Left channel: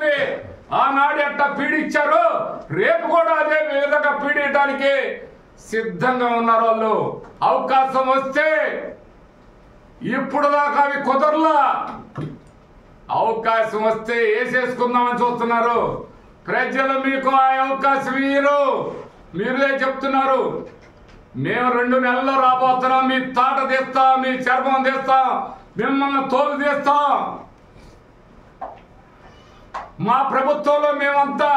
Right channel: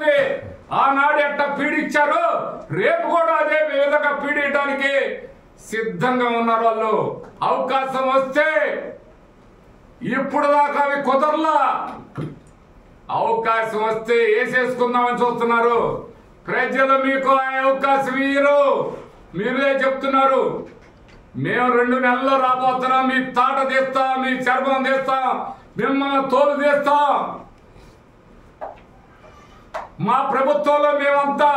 రైతుల్ని ఆనాడు ఎట్లా పీడించారో రేపు కూడా అదే విధంగా పీడించడానికి సిద్ధంగా ఉన్నారు వాళ్ళు. అవకాశం వస్తే ఇప్పుడు దాకా అవి కుదరలా, అవకాశం వస్తే వేసేసుకుందామని చూస్తున్నారు. ప్రజలు మీకు ఆ అవకాశం ఇయ్యరు. మీరే చెప్తున్నారు మేము 2 నెలల్లో రాబోతున్నాం, మీ తాట తీస్తాం, మీ చర్మం తీస్తాం, మిమ్మల్ని తోలు తీస్తాం. మా ప్రభుత్వంలో మేమంతా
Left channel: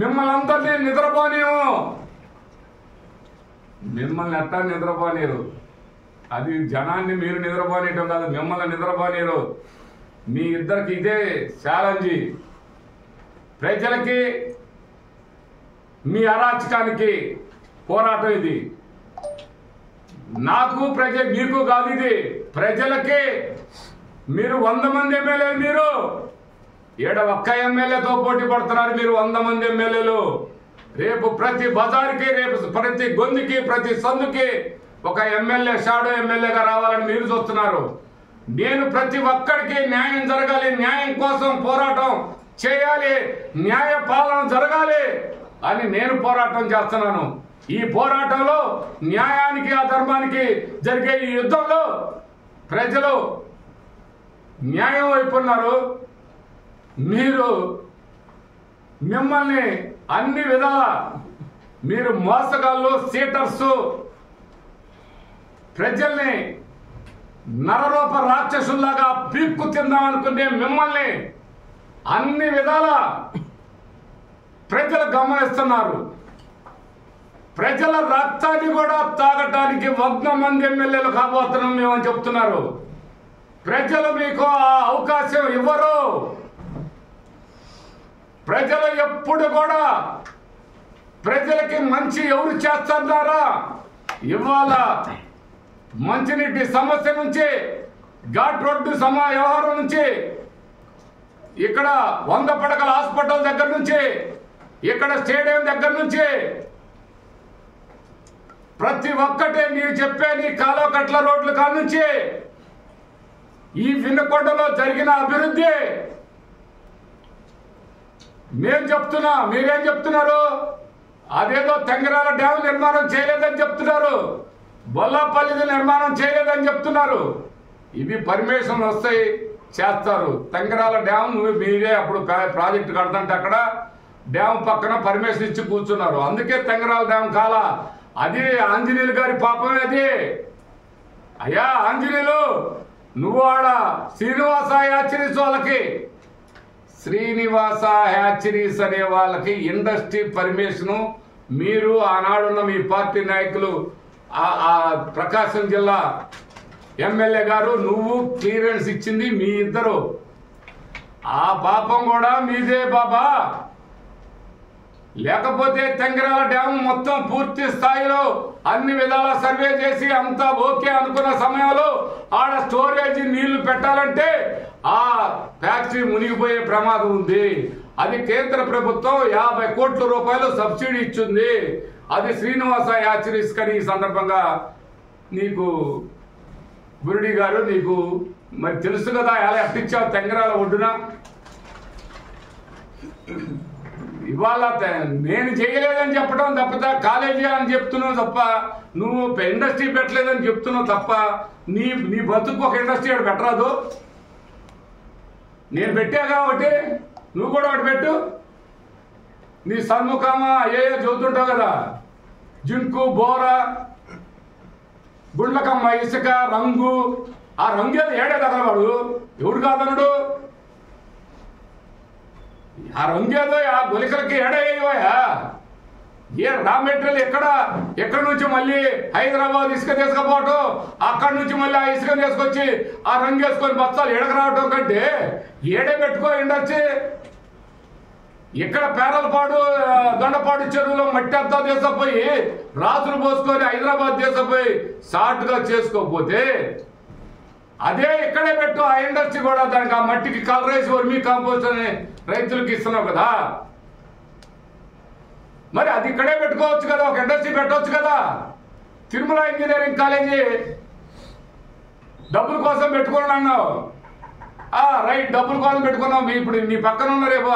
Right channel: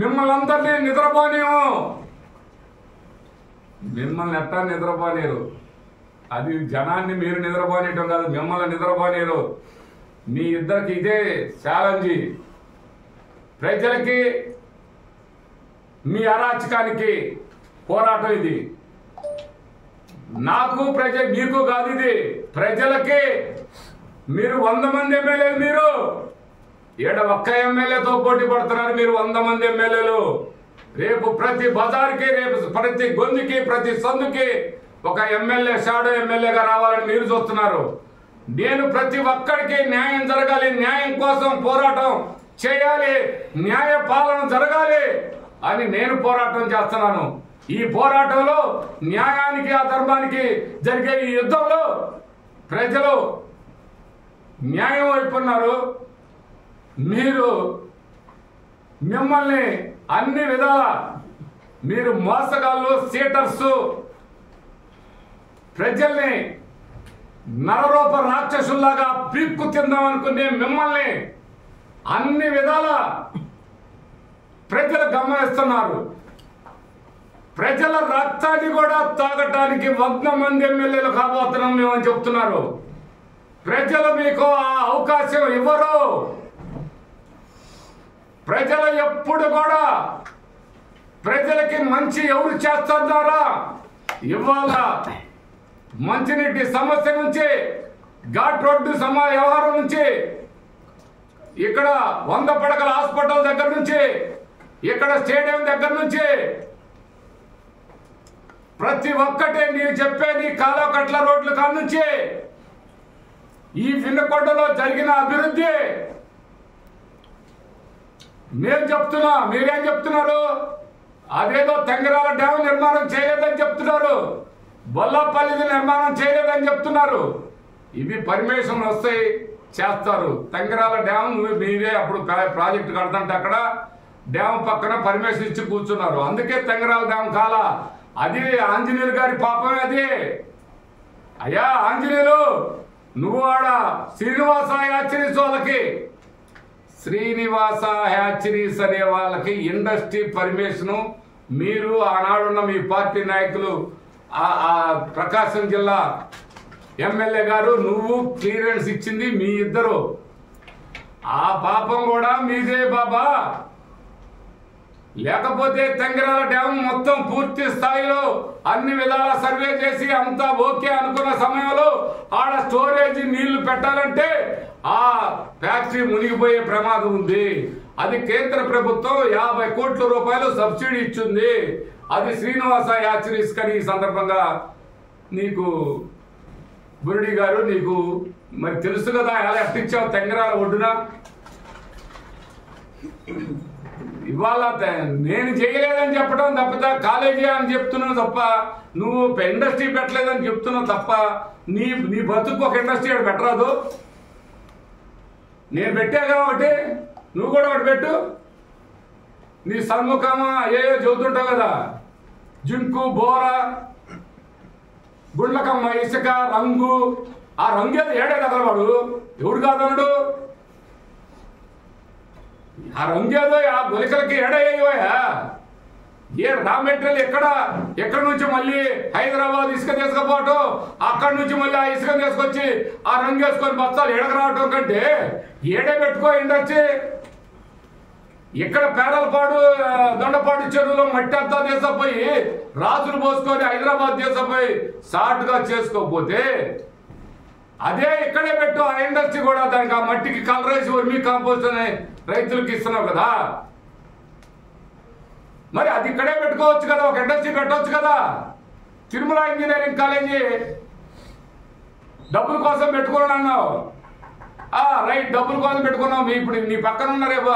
మిమ్మల్ని అందరినీ నిద్రపోనేము. మిమ్మల్ని ఎట్టా నిద్రపోనేరు? అది జనాన్ని మీరు నిద్రపోనేయటం కాదు, మిమ్మల్ని నిద్రపోనేరు. మీ ఇద్దరికి ఇదే ఛాలెంజ్. ప్రజలకి మీ అరాచకానికి పోరాటం ఇది. నాకు మీకు కాదు, ఇది ప్రజలకి. మీరు 100 మంది ఎమ్మెల్యేలు, మీరు ఏడ ఒక్క ఎమ్మెల్యేతో పోటీ పడుతున్నారు. మీరు 100 మంది ఎమ్మెల్యేలు. రేపు ప్రతి బజార్కి, రేపు ప్రతి గొంతుకి, ప్రతి సందుకి ఒక ఎమ్మెల్యే, షాడో ఎమ్మెల్యేగా రావాలని మీరు చూస్తున్నారు. నేను ప్రతి ఒక్కరికి న్యాయం జరగాలి, న్యాయం కోసం పోరాటం చేయాలి, న్యాయ పాలన జరగాలి అని నేను పోరాటం చేస్తున్నాను. ఈ పోరాటంలో న్యాయానికి, ఆ ధర్మానికి జరిగే ఈ యుద్ధంలో ప్రజలు న్యాయం వైపున్నారు. మీరు మిమ్మల్ని అన్ని విధాల మీరు మోసగాళ్ళు, సీటర్సు, ప్రజల్ని నరరూప రాక్షసుల్లాగా పీక్కు తిందామనుకునే మిమ్మల్ని అన్ని విధాల ప్రజలు గమనిస్తున్నారు. ప్రజల రక్తాన్ని కూడా తాగటానికి 100 మంది ఎమ్మెల్యేలు కాబోతున్నాం మేమని చెప్తున్నారు. ప్రజలు మీకు ఆ అవకాశం ఇవ్వరు. ప్రజలు ఎప్పుడు కూడా ప్రజలకి మంచి ఎవరు చేస్తున్నారా? ఇవాళ మంచినీటి సమస్య నుంచి, ఘాట్ రోడ్డు వ్యవహారం నుంచి, ఇక్కడ 100 పడకల హాస్పిటల్ దగ్గర నుంచి, ఇక్కడ స్టేడియం దగ్గర నుంచి ప్రతి ఒక్కటే నీవు చెప్పే నీ కాలువకట్ల రోడ్ల కాడ నుంచి ఈ విన్నకొండలో జరిగిన అభివృద్ధి నేను చెప్తున్నా. మీరేం చెప్తున్నారు? అదేదో తెంగరాల డ్యామ్ నిర్మాణం చేయలేదని చెప్తున్నారు, బొల్లాపల్లిది నిర్మాణం చేయలేదని చెప్తున్నారు. ఇవి పర్మిషన్ వస్తాయి, చేస్తారు. తెంగరాల డ్యామ్ మీరే అప్పుడు ప్రాజెక్టు కడతంటే అక్కడ డ్యామ్ పక్కన పర్మిషన్ ఇచ్చి కూర్చున్నారు. అందుకే తెంగరాల డ్యామ్ కాల. అది ఆంజనేయులు గారి పాపమే అది. అయ్యా ఆంజనేయులు, నువ్వు ఆడ శ్రీనివాస హ్యాచరీస్ వాళ్ళకి, శ్రీనివాస హ్యాచరీస్ అనే వాళ్ళకి ఇండస్ట్రీ పర్మిషను మీరు ఆనాడున్న మీ పార్టీ నాయకులు, ప్రకాశం జిల్లా ఎమ్మెల్యే గారు, నువ్వు క్లియరెన్స్ ఇచ్చింది మీ ఇద్దరు. ఆ పాపం కూడా మీదే బాబా. లేకపోతే తెంగరాల డ్యామ్ మొత్తం పూర్తి స్థాయిలో అన్ని విధాల సర్వే చేసి అంతా ఓకే అనుకున్న సమయంలో ఆడ స్టోరేజ్ నీళ్లు పెట్టాలంటే ఆ ఫ్యాక్టరీ మునిగిపోయే ప్రమాదం ఉంది. అది కేంద్ర ప్రభుత్వం 50 కోట్ల రూపాయలు సబ్సిడీ ఇచ్చింది. అది శ్రీనివాస హ్యాచరీస్ కని ఈ సందర్భంగా నీకు బురుడి గారు నీకు మరి తెలుసు కదా, ఎలా ఎట్టించావు తెంగరాల ఒడ్డున. ఇవాళ నేను చేయలేదని చెప్పడం తప్ప, కాలేజీ అని చెప్తున్నావు తప్ప, నువ్వు ఇండస్ట్రీ పెట్టలేదని చెప్తున్నావు తప్ప, నీ బతుకు ఒక ఇండస్ట్రీ ఒకటి పెట్టరాదు. నేను పెట్టాగా ఒకటి, నువ్వు కూడా ఒకటి పెట్టు. నీ సన్ముఖమా ఏయో చదువుతుంటావు కదా, జింకు, బోర, గుండ్లకమ్మ, ఇసుక, రంగు. ఆ రంగు ఏదో ఏడే తగలవాడు, ఎవడు కాదన్నాడు? ఆ రంగేదో ఆ గులికలకి ఏడయ్యోయా. ఏ రా మెటీరియల్ ఎక్కడ నుంచి మళ్ళీ హైదరాబాద్ ఇసుక తీసుకుపోవటం, అక్కడి నుంచి మళ్ళీ ఆ ఇసుక తీసుకొచ్చి ఆ రంగు వేసుకొని బస్తాలు ఎడక రావటం కంటే ఏడే పెట్టుకో ఇండస్ట్రీ. ఇక్కడ పేరలపాడు, దొండపాడు చెరువులో మట్టి అంతా తీసుకుపోయి రాత్రులు పోసుకొని హైదరాబాద్ తీసుకుపోయి షార్ట్గా చేసుకోకపోతే అదే ఇక్కడే పెట్టు. ఆ ఇండస్ట్రీ కూడా దానికి ఆ మట్టికి కలరేసి వర్మీ కాంపోస్ట్ అని రైతులకు ఇస్తున్నావు కదా, మరి అది ఇక్కడే పెట్టుకోవచ్చు కదా, ఒక ఇండస్ట్రీ పెట్టవచ్చు కదా. తిరుమల ఇంజనీరింగ్ కాలేజీ డబ్బుల కోసం పెట్టుకోండి అన్నావు, రైట్ డబ్బుల కోసం పెట్టుకున్నాం. ఇప్పుడు నీ పక్కన ఉన్న రేపు